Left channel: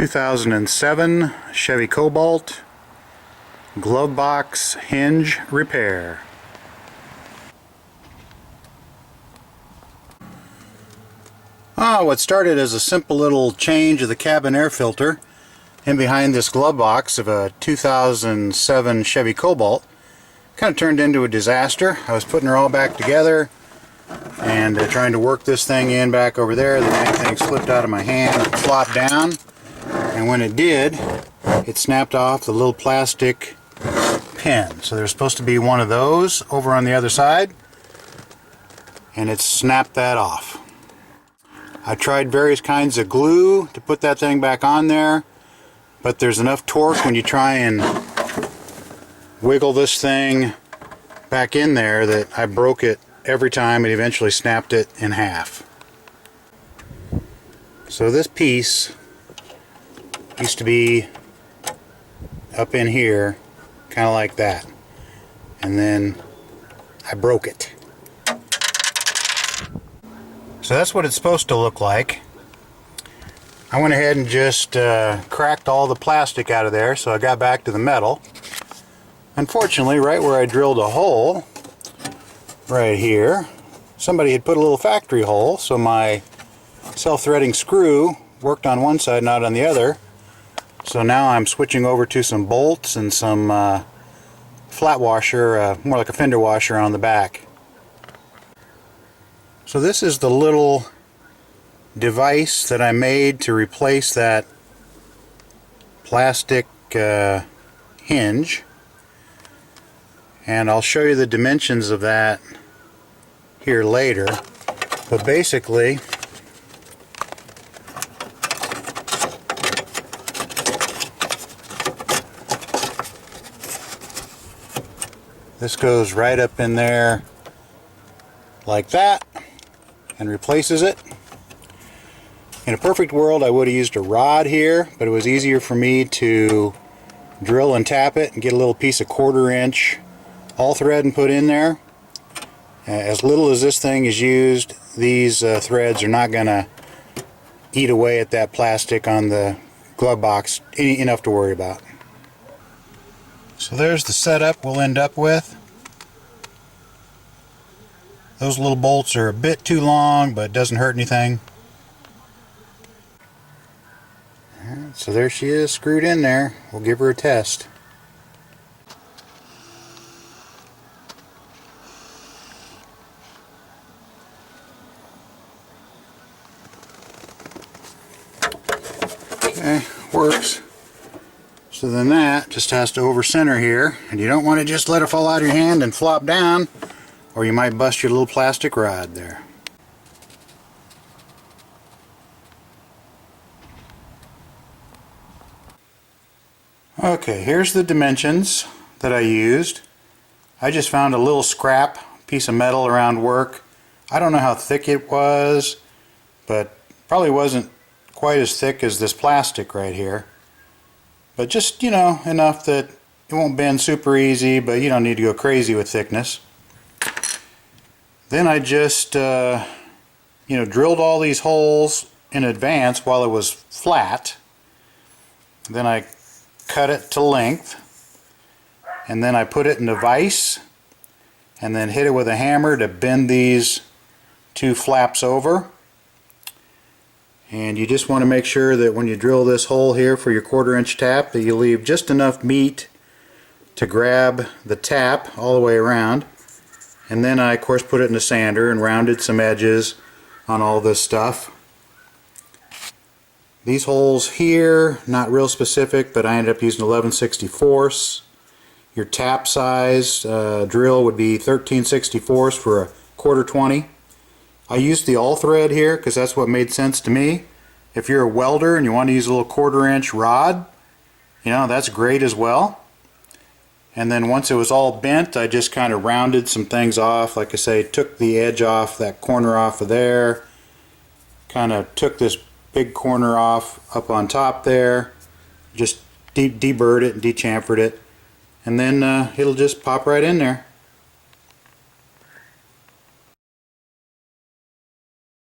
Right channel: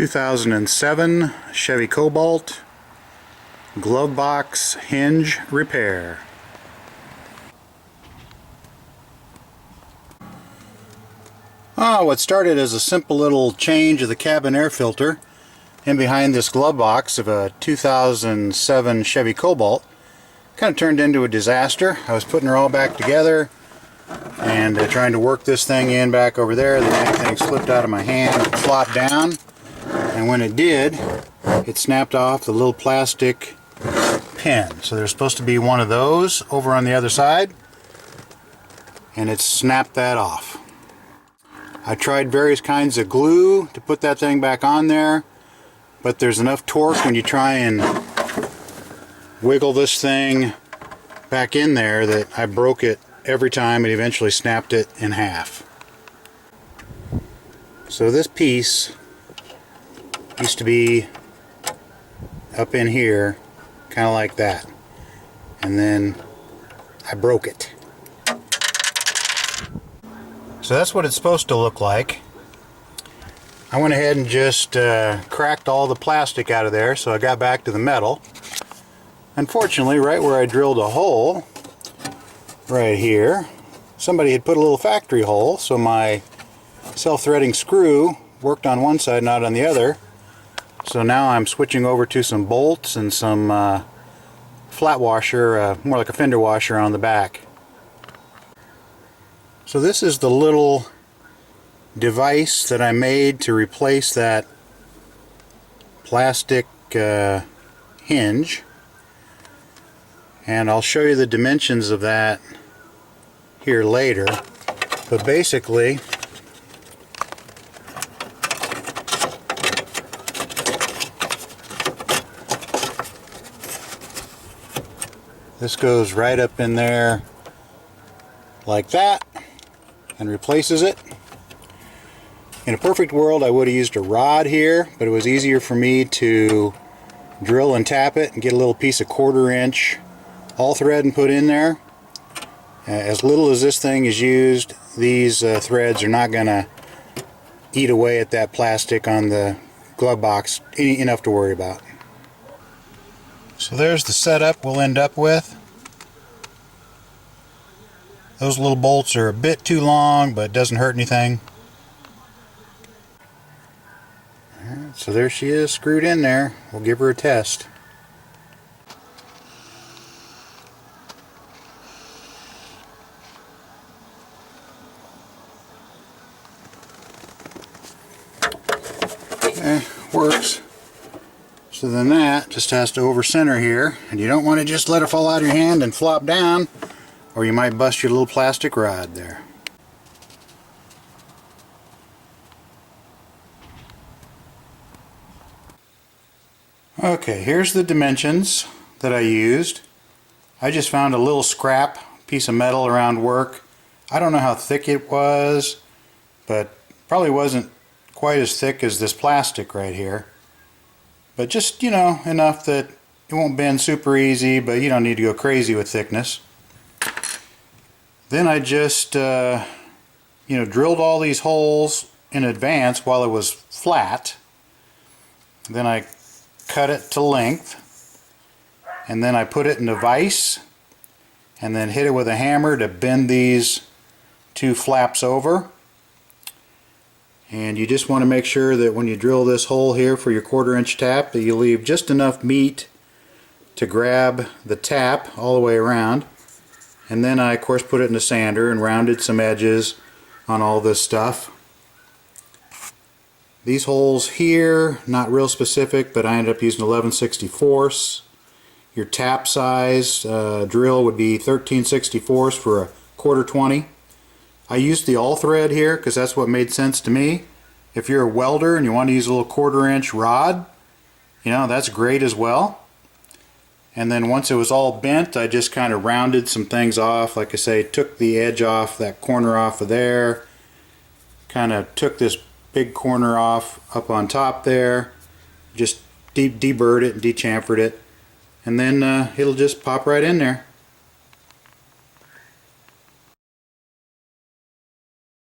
2007 Chevy Cobalt Glovebox Hinge repair. What started as a simple little change of the cabin air filter in behind this glove box of a 2007 Chevy Cobalt kind of turned into a disaster. I was putting her all back together and trying to work this thing in back over there. The dang thing slipped out of my hand and flopped down, and when it did, it snapped off the little plastic pin. So there's supposed to be one of those over on the other side, and it snapped that off. I tried various kinds of glue to put that thing back on there, but there's enough torque when you try and wiggle this thing back in there that I broke it every time and eventually snapped it in half. So this piece used to be up in here, kind of like that, and then I broke it. So that's what it's supposed to look like. I went ahead and just cracked all the plastic out of there, so I got back to the metal. Unfortunately, right where I drilled a hole, right here, somebody had put a little factory hole, so my self-threading screw worked on one side, not on the other. So now I'm switching over to some bolts and some flat washer, more like a fender washer on the back. So this is the little device that I made to replace that plastic hinge, and I'll show you the dimensions of that here later. But basically, this goes right up in there like that and replaces it. In a perfect world, I would have used a rod here, but it was easier for me to drill and tap it and get a little piece of 1/4 inch all thread and put in there. As little as this thing is used, these threads are not going to eat away at that plastic on the glove box enough to worry about. So there's the setup we'll end up with. Those little bolts are a bit too long, but it doesn't hurt anything. Alright, so there she is, screwed in there. We'll give her a test. Okay, works. So then that just has to over center here, and you don't want to just let it fall out of your hand and flop down, or you might bust your little plastic rod there. Okay, here's the dimensions that I used. I just found a little scrap piece of metal around work. I don't know how thick it was, but probably wasn't quite as thick as this plastic right here. But just, you know, enough that it won't bend super easy, but you don't need to go crazy with thickness. Then I just, drilled all these holes in advance while it was flat. Then I cut it to length, and then I put it in a vise, and then hit it with a hammer to bend these two flaps over. And you just want to make sure that when you drill this hole here for your 1/4 inch tap, that you leave just enough meat to grab the tap all the way around. And then I, of course, put it in a sander and rounded some edges on all this stuff. These holes here, not real specific, but I ended up using 11/64. Your tap size drill would be 13/64 for a 1/4 20. I used the all thread here because that's what made sense to me. If you're a welder and you want to use a little 1/4 inch rod, that's great as well. And then once it was all bent, I just kind of rounded some things off. Like I say, took the edge off, that corner off of there, kind of took this big corner off up on top there, just deburred it and dechamfered it, and then it'll just pop right in there.